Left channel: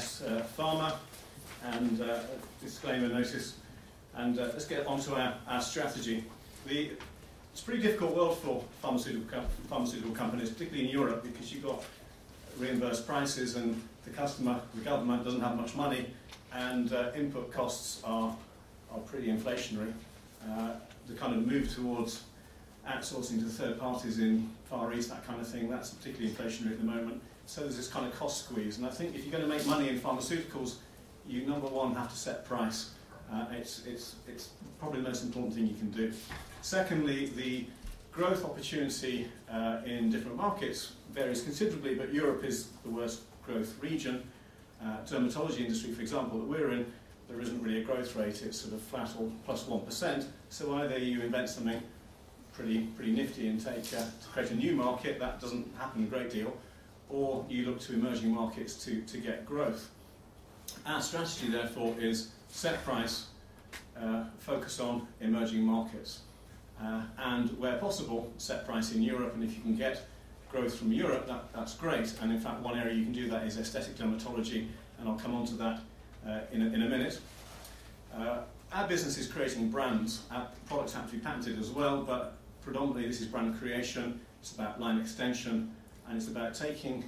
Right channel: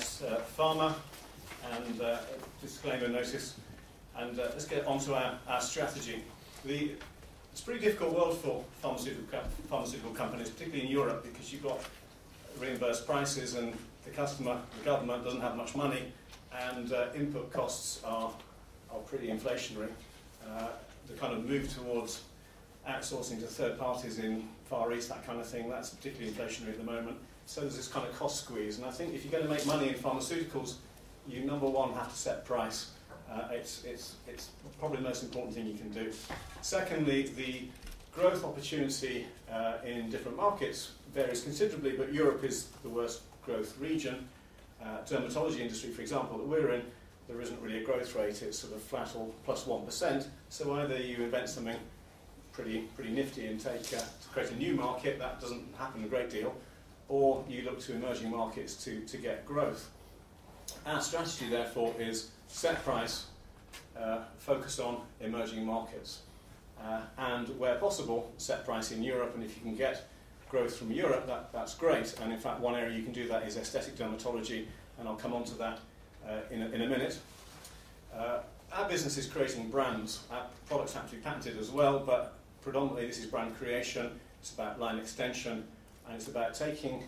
yes, Pharma, and disclaimer notice, and let's get on to our strategy. It's a pretty difficult world for pharmaceutical companies, particularly in Europe, because you've got reimbursed prices and the government doesn't have much money, and input costs are pretty inflationary. The kind of move towards outsourcing to third parties in Far East, that kind of thing, that's particularly inflationary at the moment. So there's this kind of cost squeeze. And I think if you're going to make money in pharmaceuticals, you, number one, have to set price. It's probably the most important thing you can do. Secondly, the growth opportunity in different markets varies considerably, but Europe is the worst growth region. Dermatology industry, for example, that we're in, there isn't really a growth rate. It's sort of flat or plus 1%. So either you invent something pretty nifty and to create a new market, that doesn't happen a great deal, or you look to emerging markets to get growth. Our strategy, therefore, is set price, focus on emerging markets, and where possible, set price in Europe. And if you can get growth from Europe, that's great. And in fact, one area you can do that is aesthetic dermatology, and I'll come on to that in a minute. Our business is creating brands. Our products have to be patented as well, but predominantly this is brand creation. It's about line extension, and it's about taking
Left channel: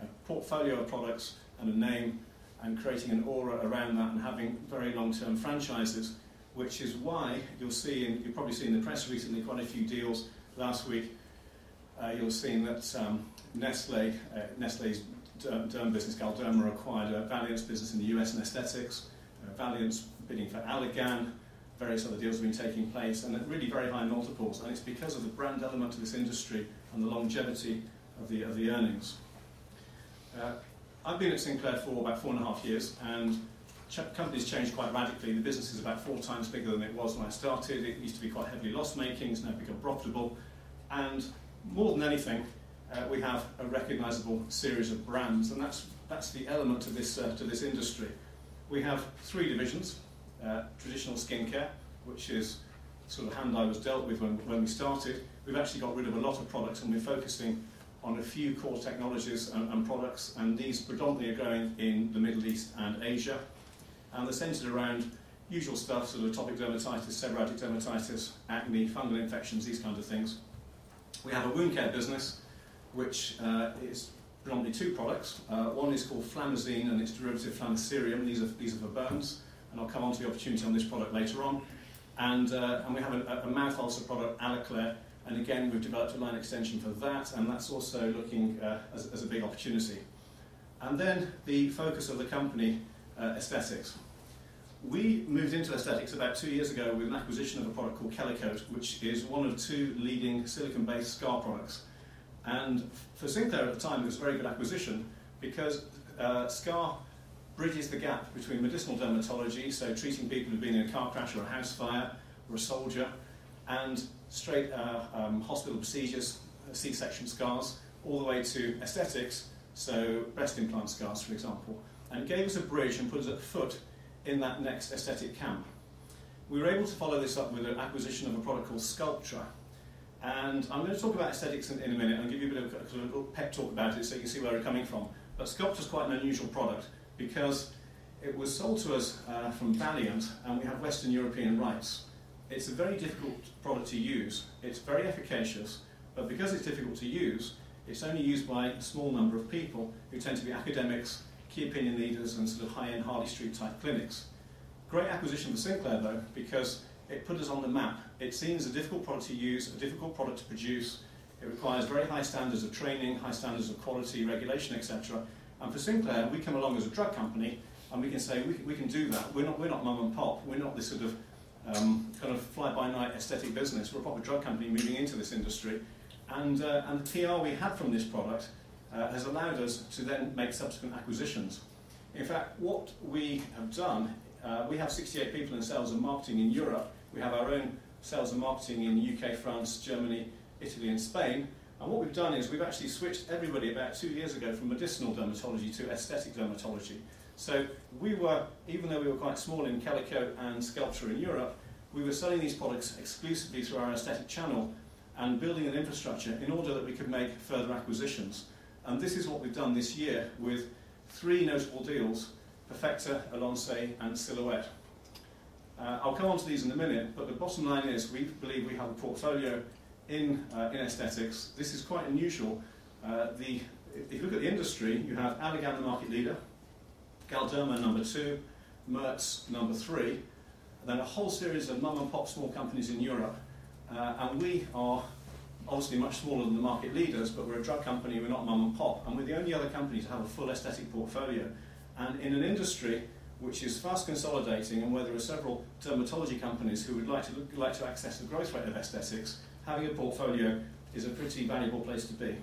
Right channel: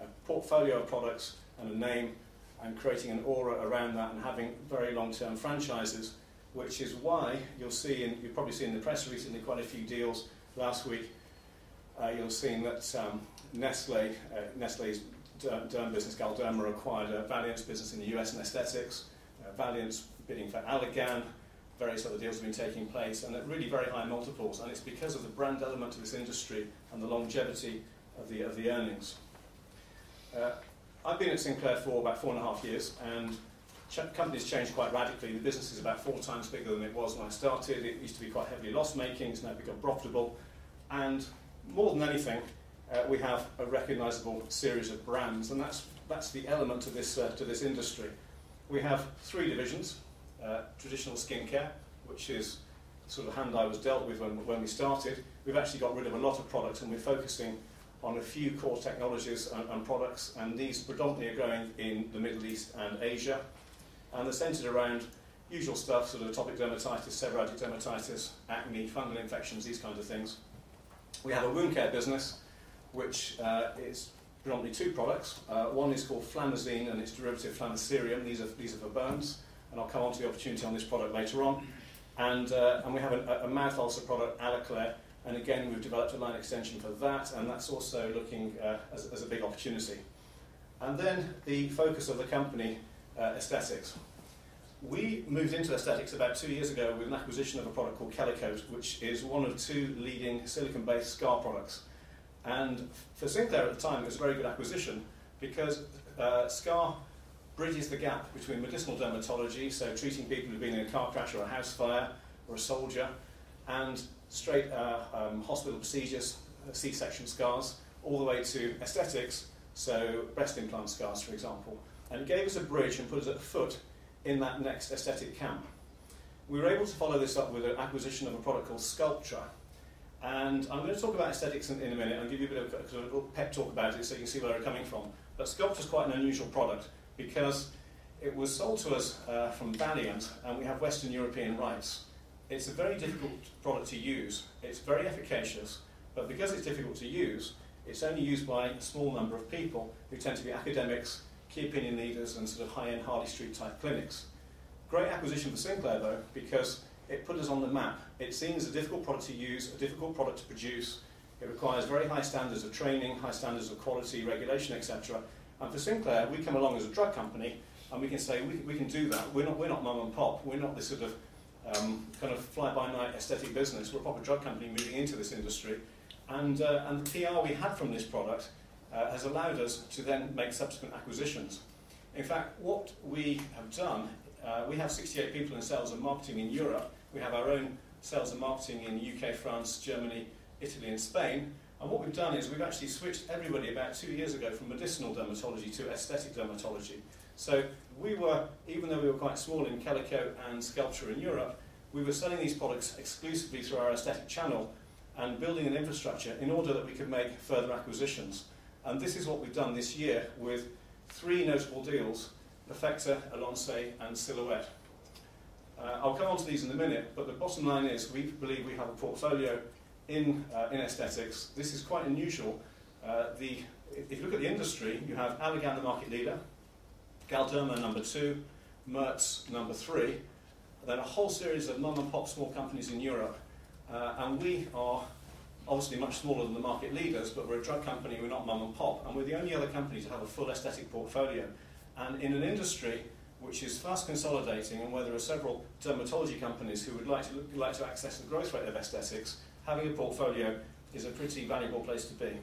a portfolio of products and a name and creating an aura around that and having very long-term franchises, which is why you'll see, and you'll probably see in the press recently, quite a few deals last week. You'll have seen that Nestle's derm business, Galderma, acquired Valiant's business in the US in aesthetics. Valiant's bidding for Allergan. Various other deals have been taking place, and at really very high multiples. And it's because of the brand element to this industry and the longevity of the earnings. I've been at Sinclair for about 4.5 years, and company's changed quite radically. The business is about 4 times bigger than it was when I started. It used to be quite heavily loss-making. It's now become profitable. And more than anything, we have a recognisable series of brands, and that's the element to this industry. We have 3 divisions. Traditional skincare, which is the sort of hand I was dealt with when we started. We've actually got rid of a lot of products, and we're focusing on a few core technologies and products, and these predominantly are growing in the Middle East and Asia. And they're centred around usual stuff, sort of atopic dermatitis, seborrheic dermatitis, acne, fungal infections, these kinds of things. We have a wound care business, which is predominantly 2 products. One is called Flamazine, and its derivative Flamacerium. These are for burns, and I'll come on to the opportunity on this product later on. And we have a mouth ulcer product, Alaclair, and again we've developed a line extension for that, and that's also looking as a big opportunity. And then the focus of the company, aesthetics. We moved into aesthetics about 2 years ago with an acquisition of a product called Kelacote, which is one of 2 leading silicon-based scar products. And for Sinclair at the time, it was a very good acquisition because scar bridges the gap between medicinal dermatology, so treating people who've been in a car crash or a house fire or a soldier, and straight hospital procedures, C-section scars, all the way to aesthetics, so breast implant scars, for example. And it gave us a bridge and put us at foot in that next aesthetic camp. We were able to follow this up with an acquisition of a product called Sculptra. And I'm going to talk about aesthetics in a minute and give you a bit of a little pep talk about it so you can see where we're coming from. But Sculptra is quite an unusual product because it was sold to us from Valiant, and we have Western European rights. It's a very difficult product to use. It's very efficacious, but because it's difficult to use, it's only used by a small number of people who tend to be academics, key opinion leaders, and sort of high-end Harley Street type clinics. Great acquisition for Sinclair though, because it put us on the map. It's seen as a difficult product to use, a difficult product to produce. It requires very high standards of training, high standards of quality, regulation, etc. And for Sinclair, we come along as a drug company, and we can say we can do that. We're not mum and pop. We're not this sort of kind of fly-by-night aesthetic business. We're a proper drug company moving into this industry, and the PR we had from this product has allowed us to then make subsequent acquisitions. In fact, what we have done, we have 68 people in sales and marketing in Europe. We have our own sales and marketing in the UK, France, Germany, Italy, and Spain. And what we've done is we've actually switched everybody about 2 years ago from medicinal dermatology to aesthetic dermatology. So we were, even though we were quite small in Kelacote and Sculptra in Europe, we were selling these products exclusively through our aesthetic channel and building an infrastructure in order that we could make further acquisitions. And this is what we've done this year with three notable deals: Perfecta, Alonce, and Silhouette. I'll come on to these in a minute, but the bottom line is we believe we have a portfolio in aesthetics. This is quite unusual. If you look at the industry, you have Allergan, the market leader, Galderma number 2, Merz number 3, and then a whole series of mum-and-pop small companies in Europe. And we are obviously much smaller than the market leaders, but we're a drug company, we're not mum-and-pop, and we're the only other company to have a full aesthetic portfolio. And in an industry which is fast consolidating and where there are several dermatology companies who would like to access the growth rate of aesthetics, having a portfolio is a pretty valuable place to be.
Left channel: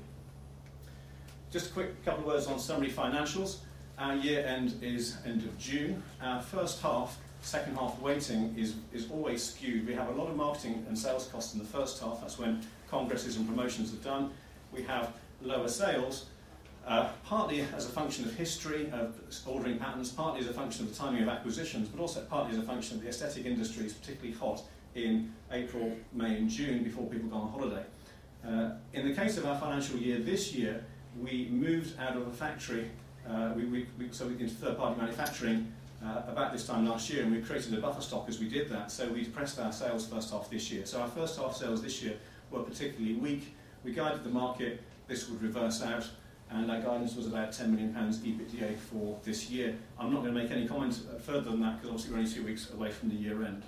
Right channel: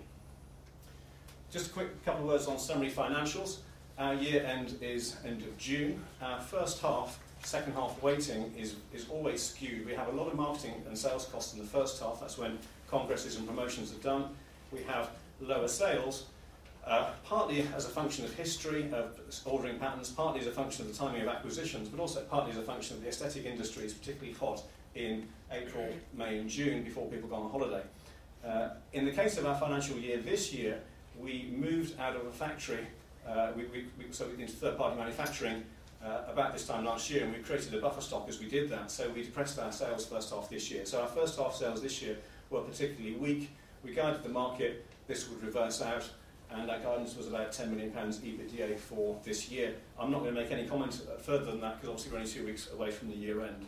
Just a quick couple of words on summary financials. Our year end is end of June. Our first half, second half weighting is always skewed. We have a lot of marketing and sales costs in the first half. That's when congresses and promotions are done. We have lower sales, partly as a function of history, of ordering patterns, partly as a function of the timing of acquisitions, but also partly as a function of the aesthetic industry is particularly hot in April, May and June before people go on holiday. In the case of our financial year this year, we moved out of a factory, into third-party manufacturing about this time last year, and we created a buffer stock as we did that, so we depressed our sales first half this year. So our first half sales this year were particularly weak. We guided the market this would reverse out, and our guidance was about £10 million EBITDA for this year. I'm not going to make any comment further than that because obviously we're only 2 weeks away from the year end.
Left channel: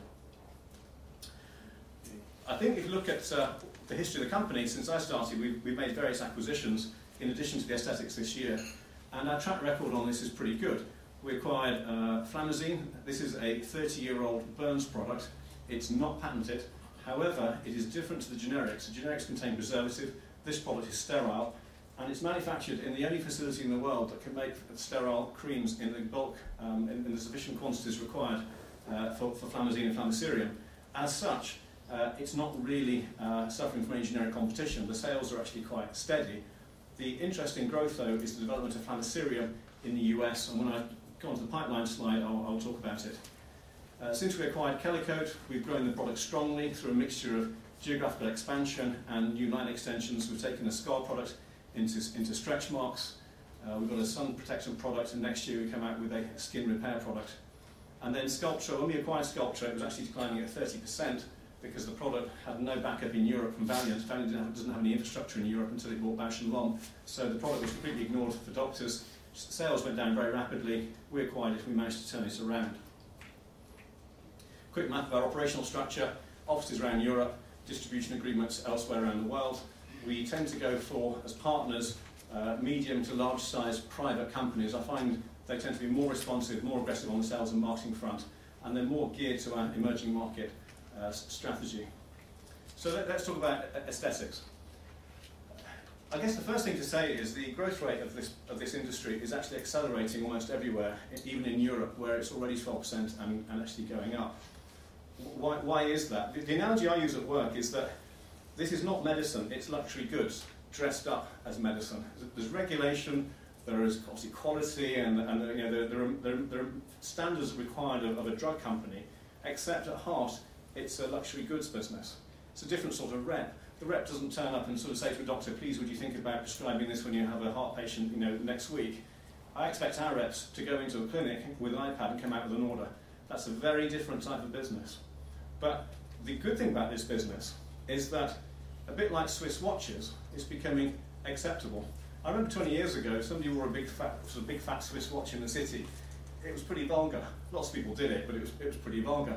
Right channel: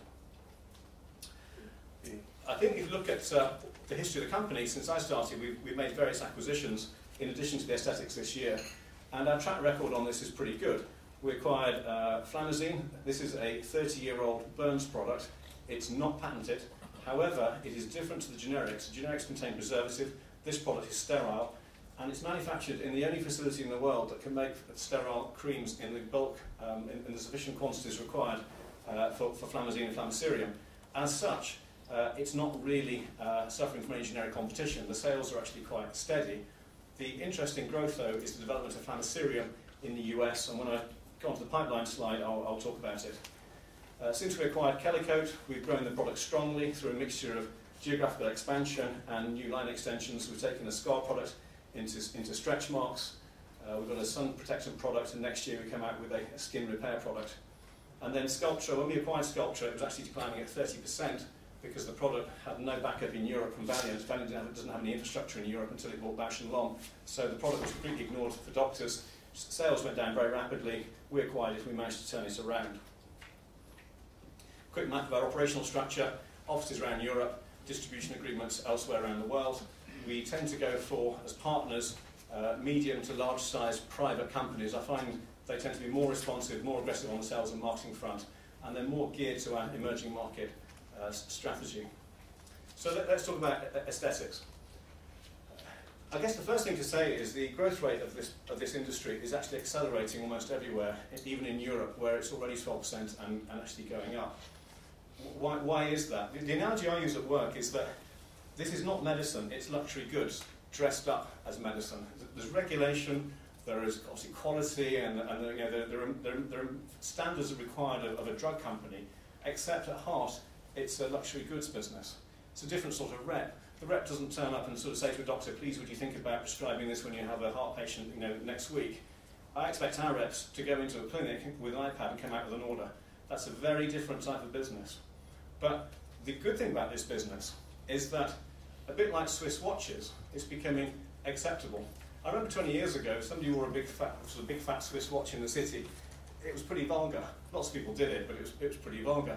I think if you look at the history of the company, since I started, we've made various acquisitions in addition to the aesthetics this year, and our track record on this is pretty good. We acquired Flamazine. This is a 30-year-old burns product. It's not patented. However, it is different to the generics. The generics contain preservative. This product is sterile, and it's manufactured in the only facility in the world that can make sterile creams in the bulk, in the sufficient quantities required for Flamazine and Flamacerium. As such, it's not really suffering from any generic competition. The sales are actually quite steady. The interesting growth, though, is the development of Flamacerium in the US, and when I go on to the pipeline slide, I'll talk about it. Since we acquired Kellycoat, we've grown the product strongly through a mixture of geographical expansion and new line extensions. We've taken a scar product into stretch marks. We've got a sun protectant product, and next year we come out with a skin repair product. And then Sculptra, when we acquired Sculptra, it was actually declining at 30% because the product had no backup in Europe from Valiant. Valiant doesn't have any infrastructure in Europe until it bought Bausch & Lomb. So the product was completely ignored for doctors. Sales went down very rapidly. We acquired it, we managed to turn it around. Quick map of our operational structure: offices around Europe, distribution agreements elsewhere around the world. We tend to go for, as partners, medium to large size private companies. I find they tend to be more responsive, more aggressive on the sales and marketing front, and they're more geared to our emerging market strategy. So let's talk about aesthetics. I guess the first thing to say is the growth rate of this industry is actually accelerating almost everywhere, even in Europe, where it's already 12% and actually going up. Why is that? The analogy I use at work is that this is not medicine, it's luxury goods dressed up as medicine. There's regulation, there is obviously quality, and there are standards required of a drug company, except at heart, it's a luxury goods business. It's a different sort of rep. The rep doesn't turn up and sort of say to a doctor, please would you think about prescribing this when you have a heart patient next week. I expect our reps to go into a clinic with an iPad and come out with an order. That's a very different type of business. But the good thing about this business is that, a bit like Swiss watches, it's becoming acceptable. I remember 20 years ago, if somebody wore a big fat Swiss watch in the city, it was pretty vulgar. Lots of people did it, but it was pretty vulgar.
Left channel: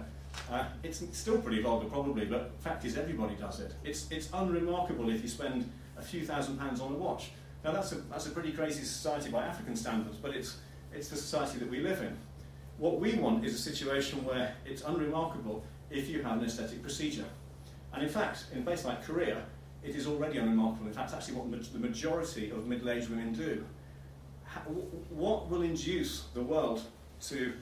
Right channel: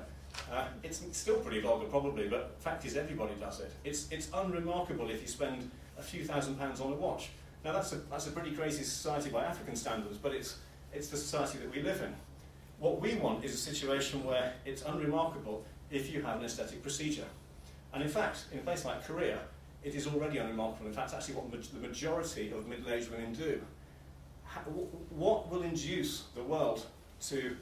It's still pretty vulgar probably, but the fact is everybody does it. It's unremarkable if you spend a few £1,000s on a watch. Now that's a pretty crazy society by African standards, but it's the society that we live in. What we want is a situation where it's unremarkable if you have an aesthetic procedure. And in fact, in a place like Korea, it is already unremarkable. In fact, actually what the majority of middle-aged women do. What will induce the world to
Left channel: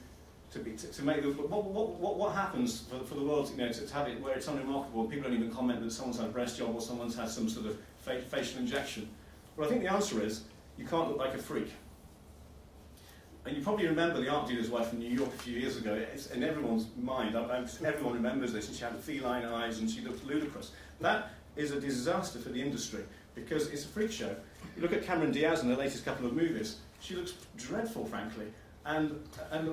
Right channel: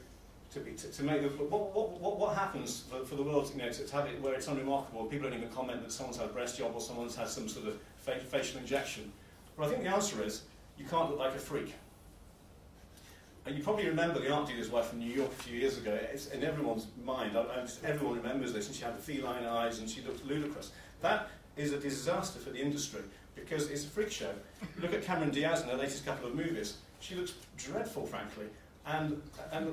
make the, what happens for the world to have it where it's unremarkable and people don't even comment that someone's had a breast job or someone's had some sort of facial injection? Well, I think the answer is you can't look like a freak. And you probably remember the art dealer's wife from New York a few years ago. It's in everyone's mind. Everyone remembers this, and she had feline eyes and she looked ludicrous. That is a disaster for the industry because it's a freak show. Look at Cameron Diaz in the latest couple of movies. she looks dreadful, frankly. And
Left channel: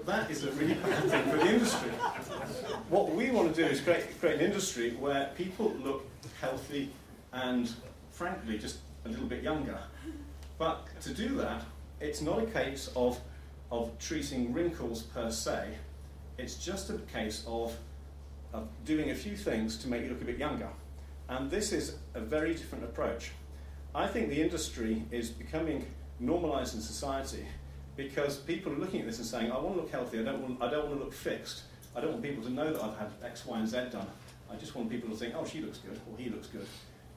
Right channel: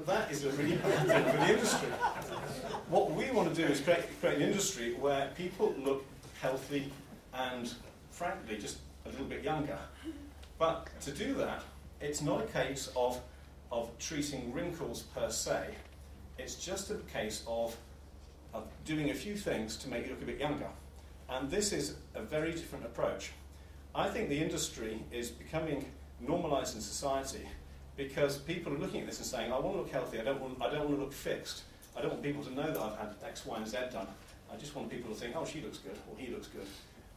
that is a really bad thing for the industry. What we want to do is create an industry where people look healthy and, frankly, just a little bit younger. But to do that, it's not a case of treating wrinkles per se. It's just a case of doing a few things to make you look a bit younger. And this is a very different approach. I think the industry is becoming normalised in society because people are looking at this and saying, I want to look healthy, I don't want to look fixed. I don't want people to know that I've had X, Y, and Z done. I just want people to think, oh, she looks good, or he looks good.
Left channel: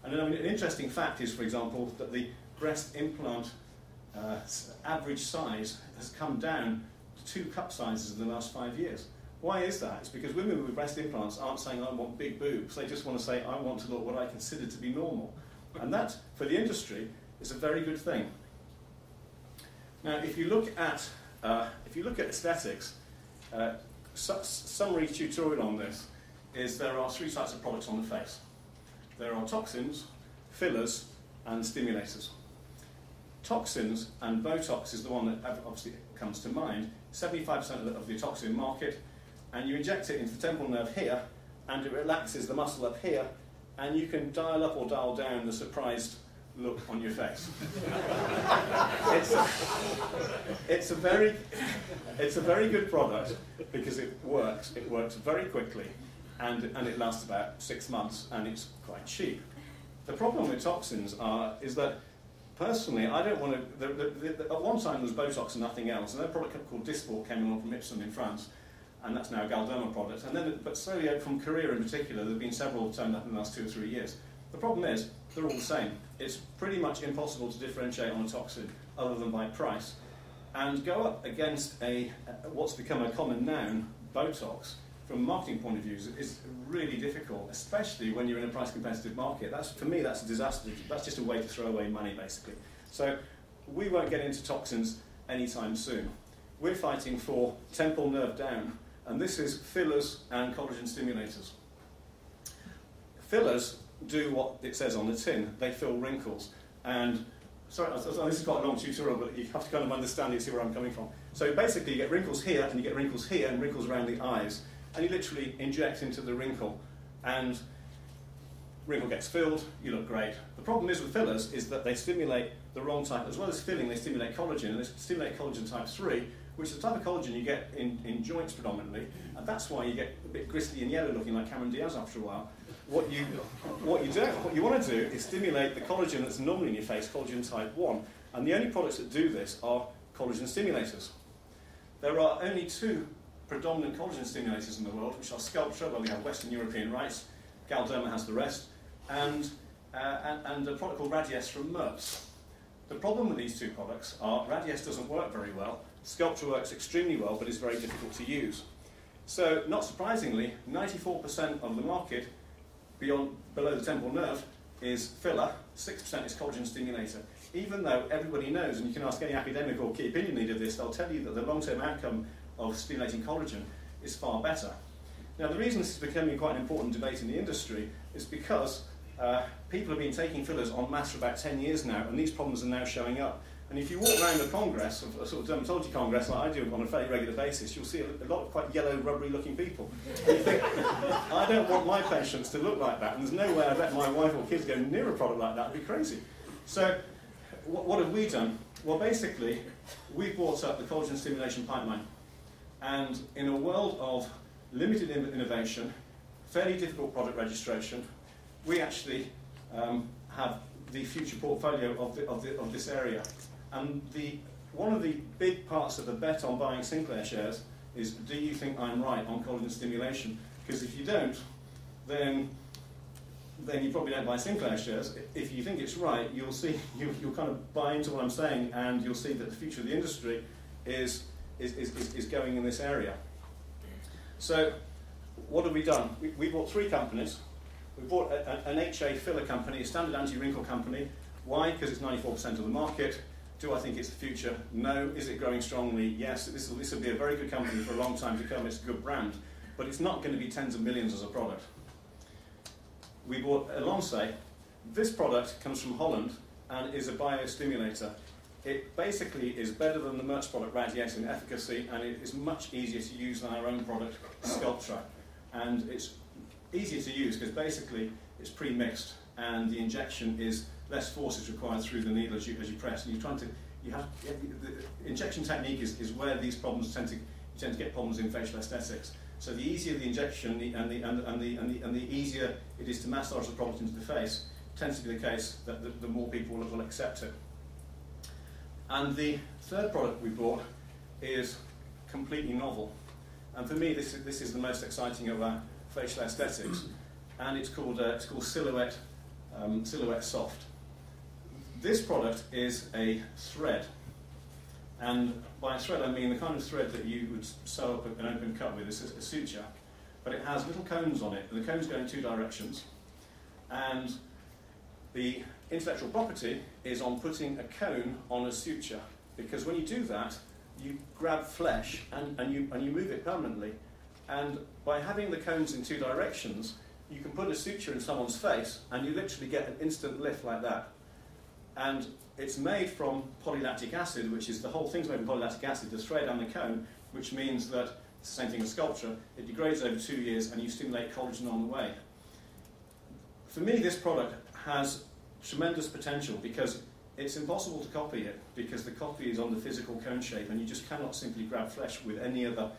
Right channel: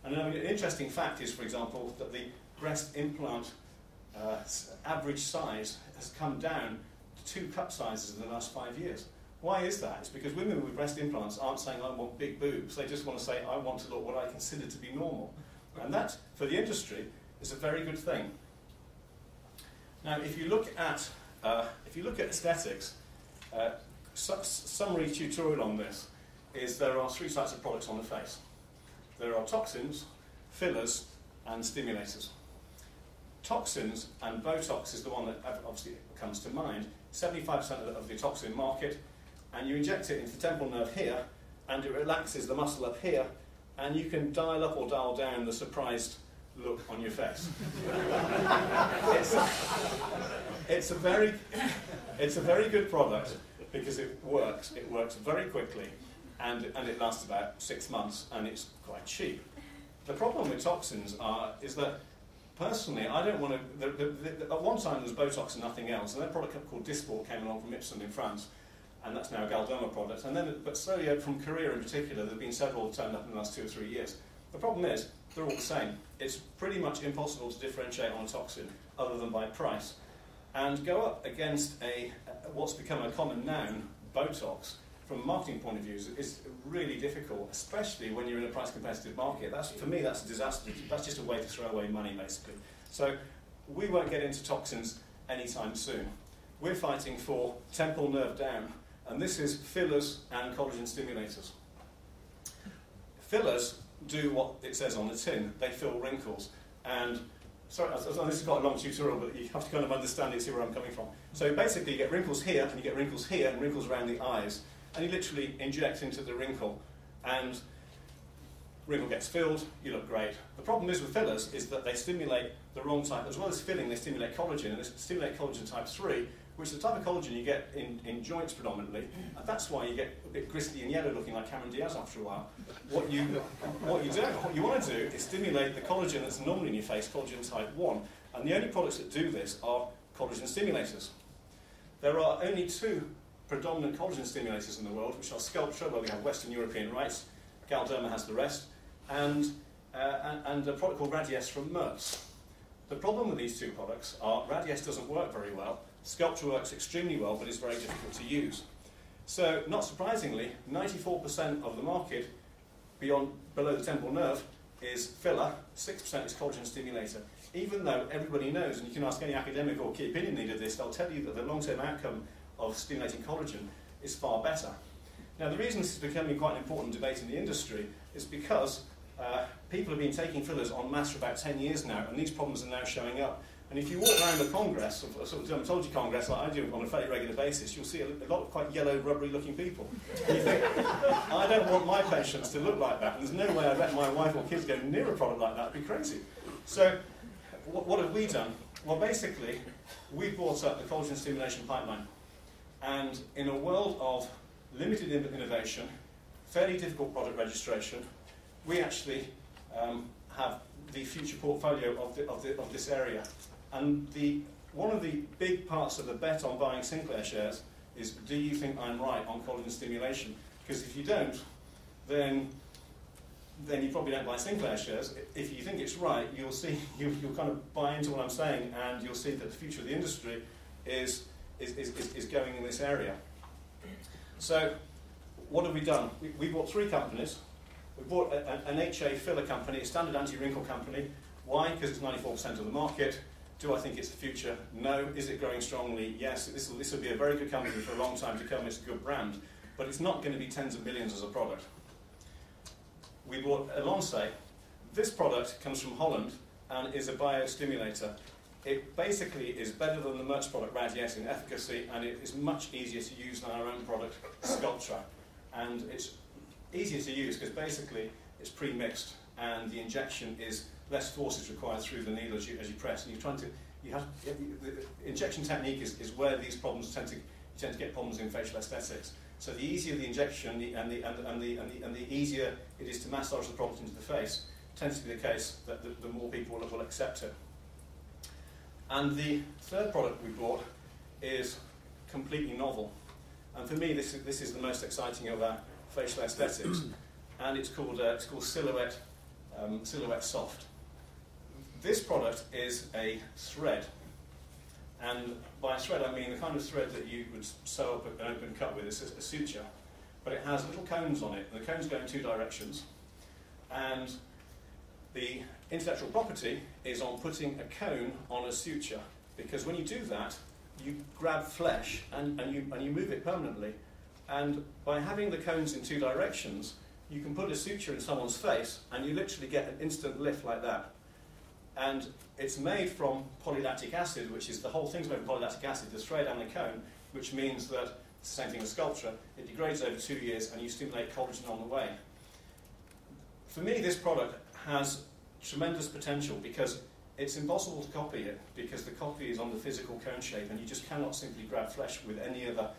And I mean, an interesting fact is, for example, that the breast implant average size has come down to 2 cup sizes in the last 5 years. Why is that? It's because women with breast implants aren't saying, I want big boobs. They just want to say, I want to look what I consider to be normal. And that, for the industry, is a very good thing. Now, if you look at aesthetics, summary tutorial on this is there are 3 types of products on the face. There are toxins, fillers, and stimulators. Toxins, and Botox is the one that obviously comes to mind, 75% of the toxin market, and you inject it into the temporal nerve here, and it relaxes the muscle up here, and you can dial up or dial down the surprised look on your face. It's a very good product because it works. It works very quickly, and it lasts about 6 months, and it's quite cheap. The problem with toxins is that personally, I don't want to. At one time there was Botox and nothing else. And a product called Dysport came along from Ipsen in France, and that's now a Galderma product. And then, but slowly from Korea in particular, there have been several that turned up in the last 2 or 3 years. The problem is they're all the same. It's pretty much impossible to differentiate on a toxin other than by price, and go up against what's become a common noun, Botox. From a marketing point of view, is really difficult, especially when you're in a price competitive market. For me, that's a disaster. That's just a way to throw away money, basically. So we won't get into toxins anytime soon. We're fighting for temporal nerve down, and this is fillers and collagen stimulators. Fillers do what it says on the tin. They fill wrinkles. And sorry, this is quite a long tutorial, but you have to kind of understand it to see where I'm coming from. So basically, you get wrinkles here, and you get wrinkles here, and wrinkles around the eyes. And you literally inject into the wrinkle, and wrinkle gets filled, you look great. The problem is with fillers is that they stimulate the wrong type. As well as filling, they stimulate collagen, and they stimulate collagen type 3, which is the type of collagen you get in joints predominantly, and that's why you get a bit gristly and yellow looking like Cameron Diaz after a while. What you want to do is stimulate the collagen that's normally in your face, collagen type 1, and the only products that do this are collagen stimulators. There are only 2 predominant collagen stimulators in the world, which are Sculpture, where we have Western European rights, Galderma has the rest, and a product called Radiesse from Merz. The problem with these 2 products are Radiesse doesn't work very well, Sculpture works extremely well, but is very difficult to use. So, not surprisingly, 94% of the market below the temporal nerve is filler, 6% is collagen stimulator. Even though everybody knows, and you can ask any academic or key opinion leader this, they'll tell you that the long-term outcome of stimulating collagen is far better. Now, the reason this is becoming quite an important debate in the industry is because people have been taking fillers en masse for about 10 years now, and these problems are now showing up. And if you walk around a congress, a sort of dermatology congress like I do on a fairly regular basis, you'll see a lot of quite yellow, rubbery-looking people. And you think, I don't want my patients to look like that, and there's no way I let my wife or kids go near a product like that. It'd be crazy. So, what have we done? Well, basically, we brought up the collagen stimulation pipeline. And in a world of limited innovation, fairly difficult product registration, we actually have the future portfolio of this area. And one of the big parts of the bet on buying Sinclair shares is, do you think I'm right on collagen stimulation? Because if you don't, then you probably don't buy Sinclair shares. If you think it's right, you'll see, you'll kind of buy into what I'm saying, and you'll see that the future of the industry is going in this area. So, what have we done? We bought 3 companies. We bought an HA filler company, a standard anti-wrinkle company. Why? Because it's 94% of the market. Do I think it's the future? No. Is it growing strongly? Yes. This will be a very good company for a long time to come. It's a good brand. But it's not going to be tens of millions as a product. We bought Elonce. This product comes from Holland and is a biostimulator. it basically is better than the Merck's product Radiate in efficacy, and it is much easier to use than our own product, Sculptra. And it's easier to use because basically it's pre-mixed, and the injection is less force is required through the needle as you press. And the injection technique is where these problems you tend to get problems in facial aesthetics. So the easier the injection and the easier it is to massage the product into the face tends to be the case that the more people will accept it. And the third product we bought is completely novel. And for me, this is the most exciting of our facial aesthetics. And it's called Silhouette Soft. This product is a thread. And by thread, I mean the kind of thread that you would sew up an open cut with. It's a suture. But it has little cones on it. And the cones go in two directions. And the intellectual property is on putting a cone on a suture, because when you do that, you grab flesh and you move it permanently. And by having the cones in two directions, you can put a suture in someone's face and you literally get an instant lift like that. And it's made from polylactic acid, which is the whole thing's made from polylactic acid, the thread and the cone, which means that it's the same thing as Sculptra. It degrades over 2 years and you stimulate collagen on the way. For me, this product has tremendous potential because it's impossible to copy it, because the copy is on the physical cone shape and you just cannot simply grab flesh with any other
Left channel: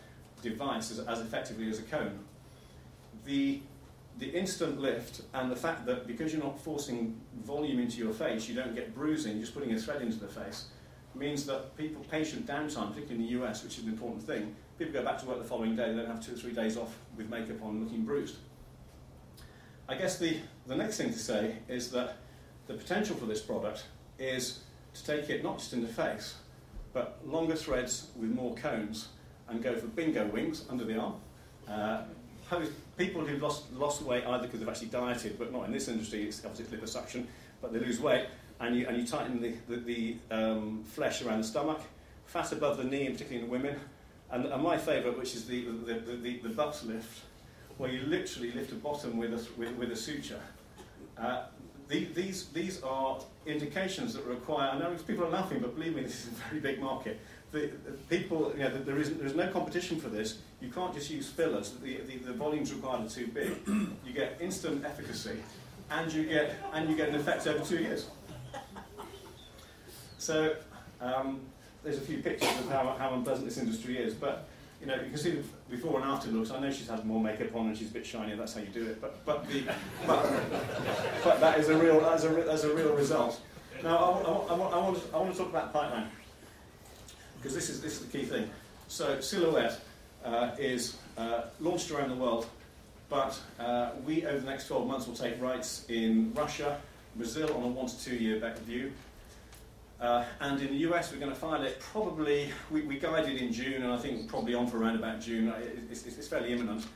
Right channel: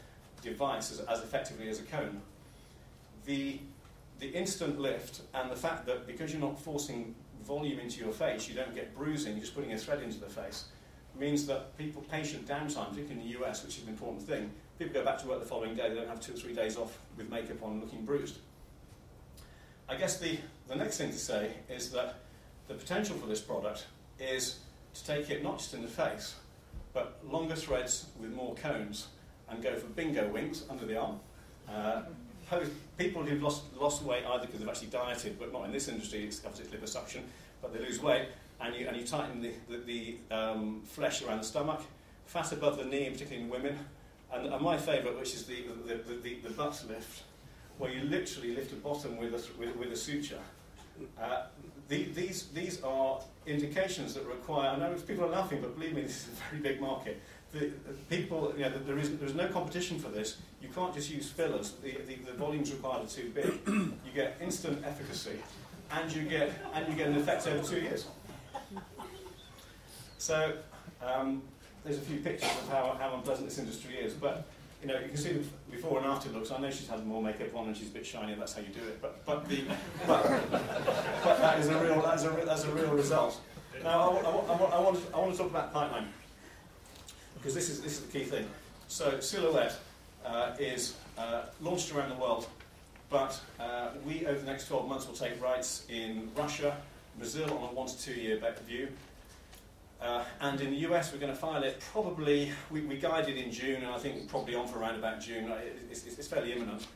device as effectively as a cone. The instant lift and the fact that because you're not forcing volume into your face, you don't get bruising, just putting a thread into the face, means that patient downtime, particularly in the US, which is an important thing, people go back to work the following day, they don't have 2 or 3 days off with makeup on looking bruised. I guess the next thing to say is that the potential for this product is to take it not just in the face, but longer threads with more cones, and go for bingo wings under the arm. People who've lost weight either because they've actually dieted, but not in this industry, it's obviously liposuction, but they lose weight, and you tighten the flesh around the stomach, fat above the knee, and particularly in women, and my favourite, which is the butt lift, where you literally lift the bottom with a suture. These are indications that require. I know people are laughing, but believe me, this is a very big market. People, there is no competition for this. You can't just use fillers. The volumes required are too big. You get instant efficacy, and you get an effect over 2 years. So there's a few pictures of how unpleasant this industry is, but you can see the before and after looks. I know she's had more makeup on and she's a bit shinier. That's how you do it. But that is a real result. Now I want to talk about pipeline, because this is the key thing. So Silhouette is launched around the world, but we over the next 12 months will take rights in Russia, Brazil on a 1 to 2 year view. And in the US, we're going to file it probably, we guided in June, and I think probably on for around about June. It's fairly imminent.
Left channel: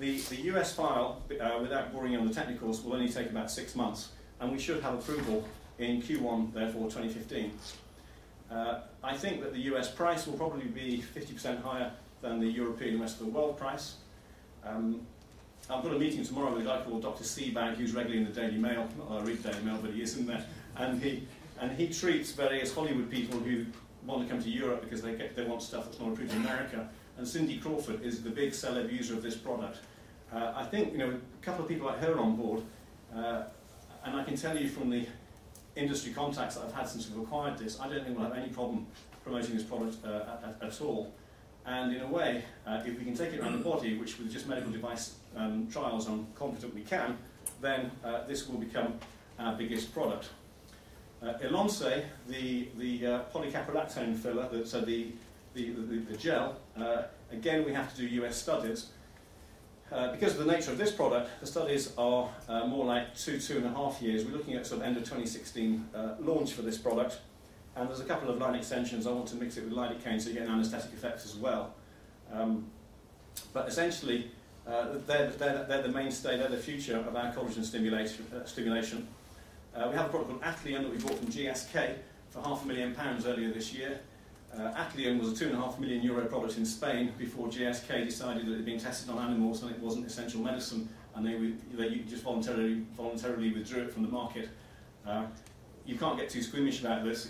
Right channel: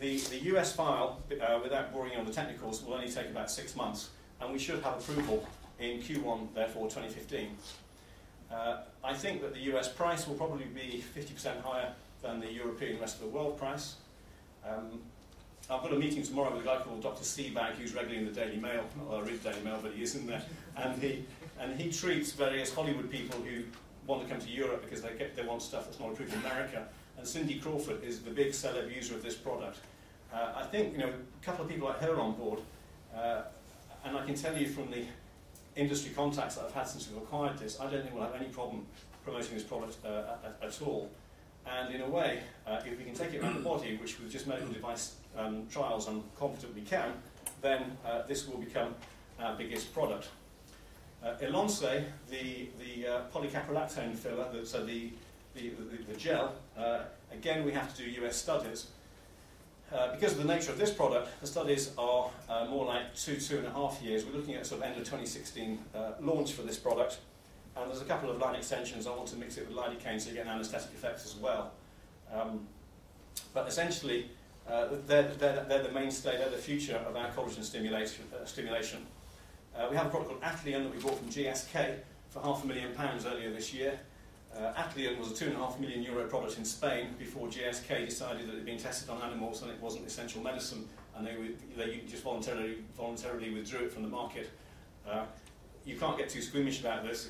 The US file, without boring you on the technicals, will only take about 6 months, and we should have approval in Q1, therefore, 2015. I think that the US price will probably be 50% higher than the European rest of the world price. I've got a meeting tomorrow with a guy called Dr. Seabag, who's regularly in the Daily Mail. Not that I read the Daily Mail, but he is in there. And he treats various Hollywood people who want to come to Europe because they want stuff that's not approved in America. And Cindy Crawford is the big celeb user of this product. I think a couple of people like her on board, and I can tell you from the industry contacts that I've had since we've acquired this, I don't think we'll have any problem promoting this product at all. And in a way, if we can take it around the body, which with just medical device trials I'm confident we can, then this will become our biggest product. Elonce, the polycaprolactone filler, so the gel, again we have to do US studies. Because of the nature of this product, the studies are more like 2.5 years. We're looking at sort of end of 2016 launch for this product. And there's a couple of line extensions. I want to mix it with lidocaine so you get an anaesthetic effect as well. But essentially, they're the mainstay, they're the future of our collagen stimulation. We have a product called Atlian that we bought from GSK for £500,000 earlier this year. Atlian was a €2.5 million product in Spain before GSK decided that it had been tested on animals and it wasn't essential medicine, and they just voluntarily withdrew it from the market. You can't get too squeamish about this.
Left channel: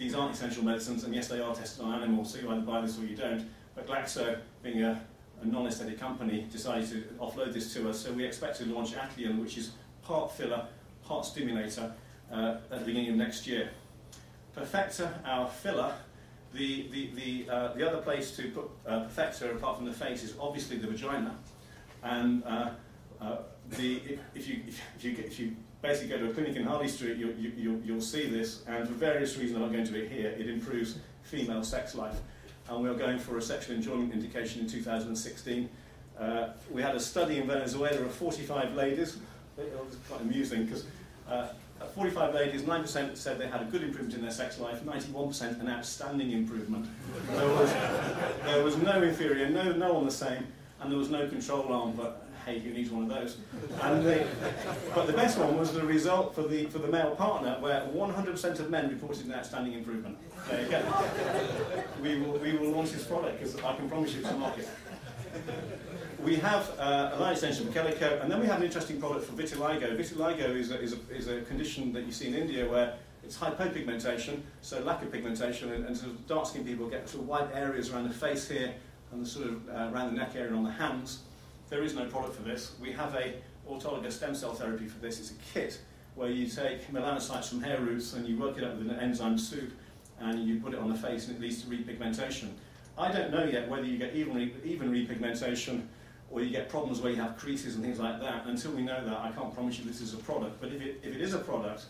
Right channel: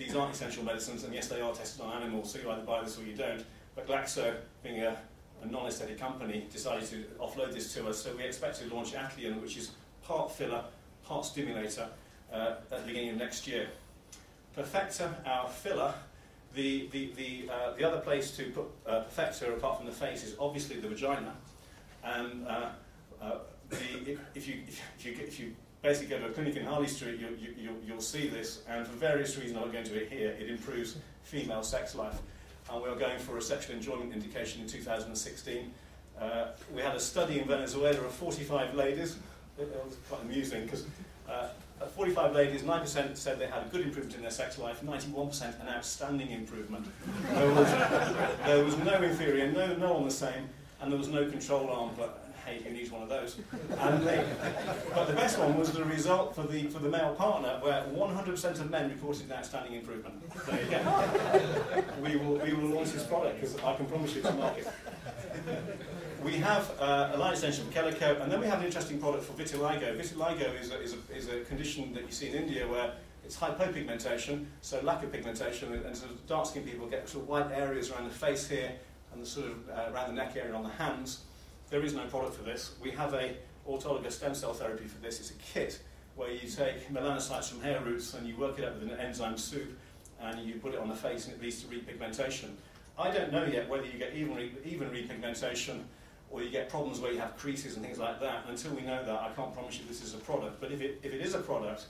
these aren't essential medicines, and yes, they are tested on animals, so you either buy this or you don't. But Glaxo, being a non-aesthetic company, decided to offload this to us, so we expect to launch Acleon, which is part filler, part stimulator, at the beginning of next year. Perfector, our filler, the other place to put Perfector, apart from the face, is obviously the vagina. And if you basically go to a clinic in Harley Street, you'll see this, and for various reasons I won't go into it here, it improves female sex life. And we are going for a sexual enjoyment indication in 2016. We had a study in Venezuela of 45 ladies. It was quite amusing because 45 ladies, 9% said they had a good improvement in their sex life, 91% an outstanding improvement. There was no inferior, no on the same, and there was no control arm, but hey, you need one of those. But the best one was the result for the male partner, where 100% of men reported an outstanding improvement. There you go. We will launch this product because I can promise you it's a market. We have a line extension for Calico, and then we have an interesting product for vitiligo. Vitiligo is a condition that you see in India where it's hypopigmentation, so lack of pigmentation, and sort of dark-skinned people get sort of white areas around the face here and the sort of around the neck area on the hands. There is no product for this. We have a autologous stem cell therapy for this. It's a kit where you take melanocytes from hair roots and you work it up with an enzyme soup and you put it on the face and it leads to repigmentation. I don't know yet whether you get even repigmentation or you get problems where you have creases and things like that. Until we know that, I can't promise you this is a product. But if it is a product,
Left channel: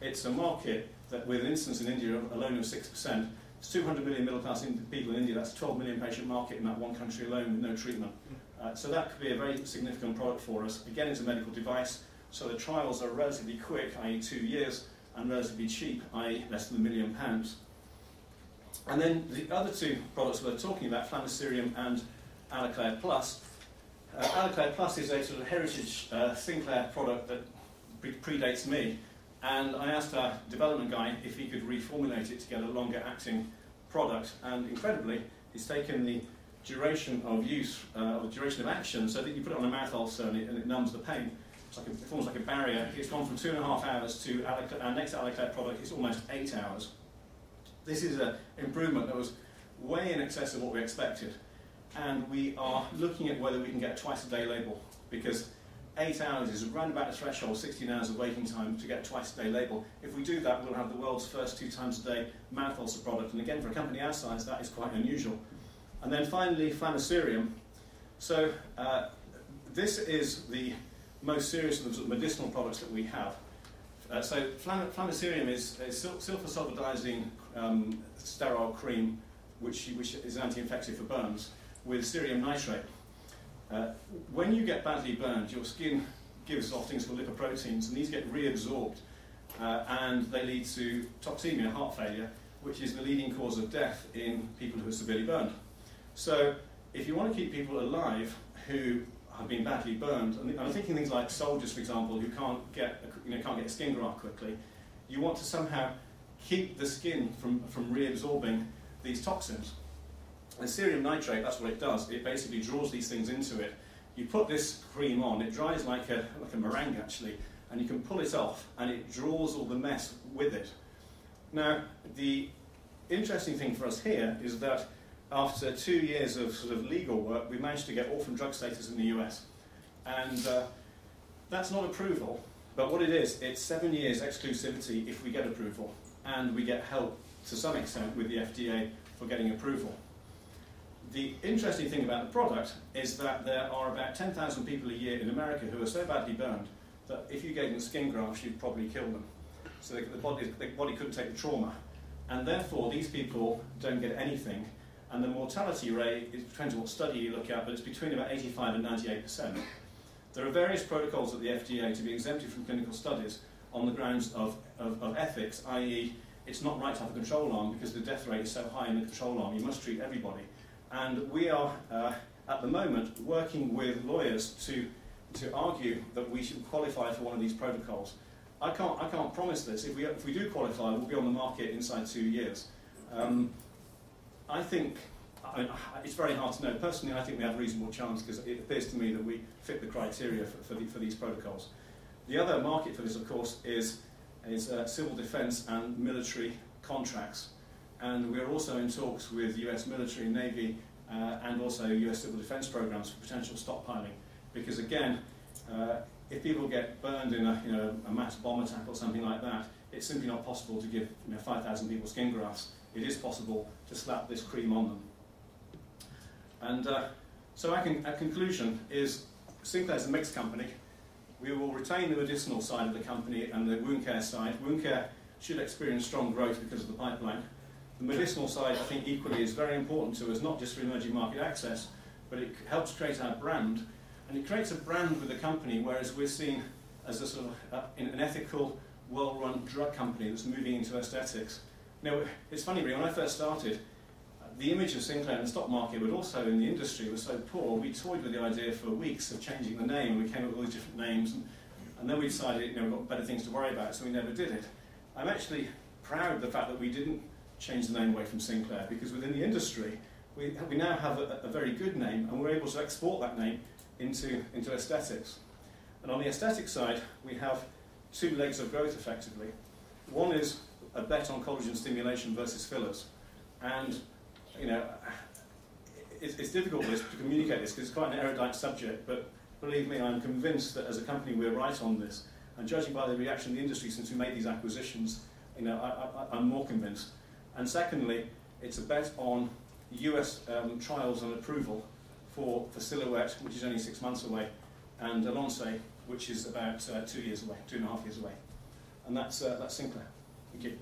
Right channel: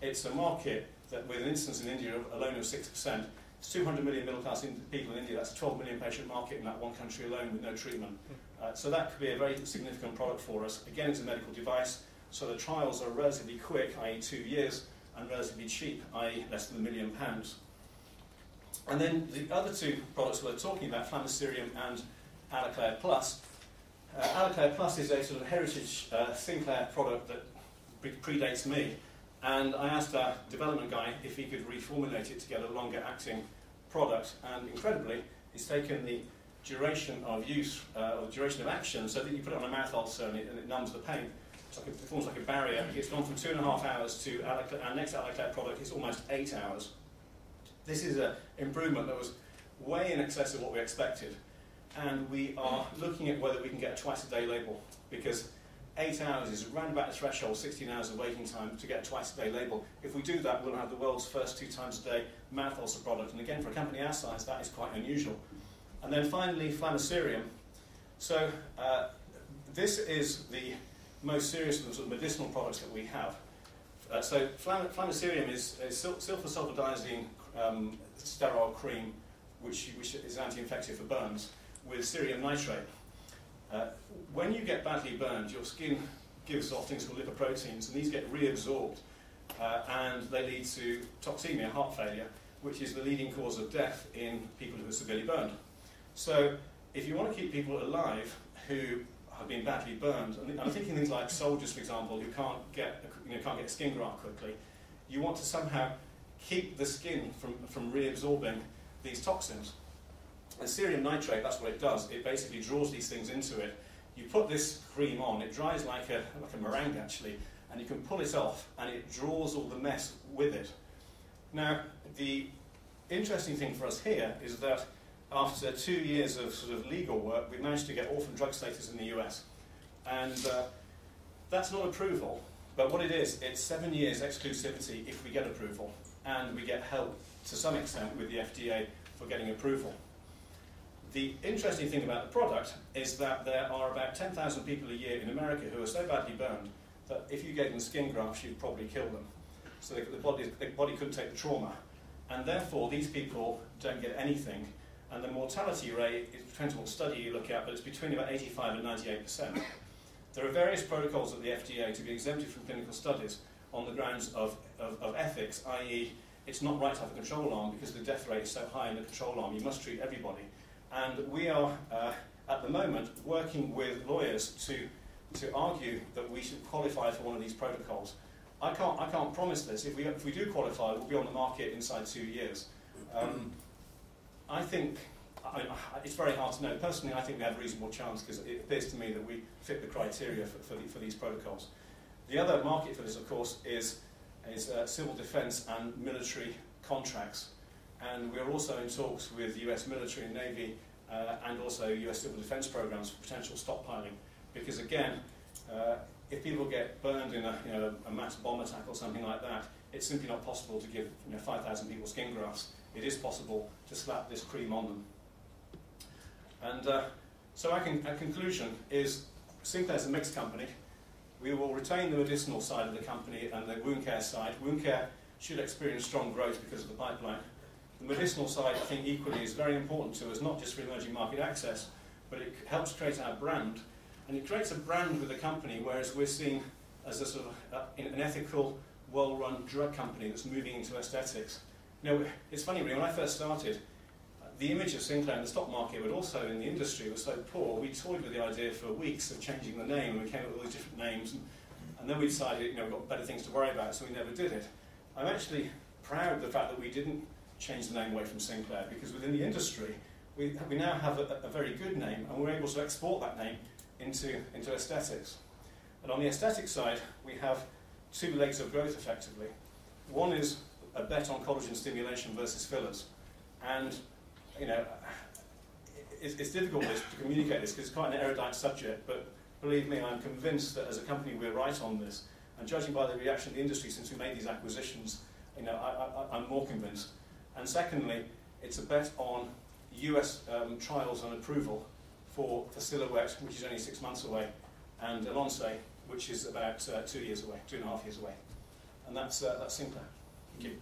it's a market that, with an instance in India alone of 6%, it's 200 million middle-class people in India. That's a 12 million patient market in that one country alone with no treatment. So that could be a very significant product for us. Again, it's a medical device, so the trials are relatively quick, i.e. 2 years, and relatively cheap, i.e. less than £1 million. And then the other two products we're talking about, Flamicerium and Aloclair Plus. Aloclair Plus is a sort of heritage Sinclair product that predates me, and I asked our development guy if he could reformulate it to get a longer acting product, and incredibly, he's taken the duration of use, or duration of action, so that you put it on a mouth ulcer and it numbs the pain. It forms like a barrier. It's gone from 2.5 hours to our next Aloclair product is almost 8 hours. This is an improvement that was way in excess of what we expected, and we are looking at whether we can get a twice-a-day label, because 8 hours is around about the threshold, 16 hours of waiting time to get a twice-a-day label. If we do that, we'll have the world's first 2 times a day mouth ulcer product, and again, for a company our size, that is quite unusual. And then finally, Flamicerium. So this is the most serious of the medicinal products that we have. So Flamicerium is sulfasulfadiazine sterile cream, which is anti-infective for burns, with cerium nitrate. When you get badly burned, your skin gives off things called lipoproteins, and these get reabsorbed, and they lead to toxemia, heart failure, which is the leading cause of death in people who are severely burned. So if you want to keep people alive who have been badly burned, and I'm thinking things like soldiers, for example, who can't get a skin graft quickly, you want to somehow keep the skin from reabsorbing these toxins. And cerium nitrate, that's what it does. It basically draws these things into it. You put this cream on, it dries like a meringue actually, and you can pull it off, and it draws all the mess with it. Now, the interesting thing for us here is that after 2 years of sort of legal work, we managed to get orphan drug status in the US. And that's not approval, but what it is, it's 7 years exclusivity if we get approval, and we get help to some extent with the FDA for getting approval. The interesting thing about the product is that there are about 10,000 people a year in America who are so badly burned that if you gave them skin grafts, you'd probably kill them. So the body couldn't take the trauma. And therefore, these people don't get anything. And the mortality rate, it depends on what study you look at, but it's between about 85 and 98%. There are various protocols at the FDA to be exempted from clinical studies on the grounds of ethics, i.e. it's not right to have a control arm because the death rate is so high in the control arm. You must treat everybody. And we are, at the moment, working with lawyers to argue that we should qualify for one of these protocols. I can't promise this. If we do qualify, we'll be on the market inside 2 years. I think it's very hard to know. Personally, I think we have a reasonable chance because it appears to me that we fit the criteria for these protocols. The other market for this, of course, is civil defence and military contracts. And we are also in talks with US military and Navy and also US civil defence programs for potential stockpiling. Because again, if people get burned in a mass bomb attack or something like that, it's simply not possible to give 5,000 people skin grafts. It is possible to slap this cream on them. And so our conclusion is Sinclair's a mixed company. We will retain the medicinal side of the company and the wound care side. Wound care should experience strong growth because of the pipeline. The medicinal side, I think, equally is very important to us, not just for emerging market access, but it helps create our brand. And it creates a brand with the company, whereas we're seen as a sort of an ethical, well-run drug company that's moving into aesthetics. It's funny, really, when I first started, the image of Sinclair in the stock market, but also in the industry, was so poor. We toyed with the idea for weeks of changing the name, and we came up with all these different names, and then we decided, we've got better things to worry about, so we never did it. I'm actually proud of the fact that we didn't change the name away from Sinclair, because within the industry, we now have a very good name, and we're able to export that name into aesthetics. And on the aesthetic side, we have two legs of growth, effectively. One is a bet on collagen stimulation versus fillers. And, it's difficult to communicate this because it's quite an erudite subject, but believe me, I'm convinced that as a company we're right on this. And judging by the reaction of the industry since we made these acquisitions, I'm more convinced. And secondly, it's a bet on US trials and approval for Silhouette, which is only 6 months away, and Alonce, which is about 2 years away, 2.5 years away. And that's Sinclair. Thank you.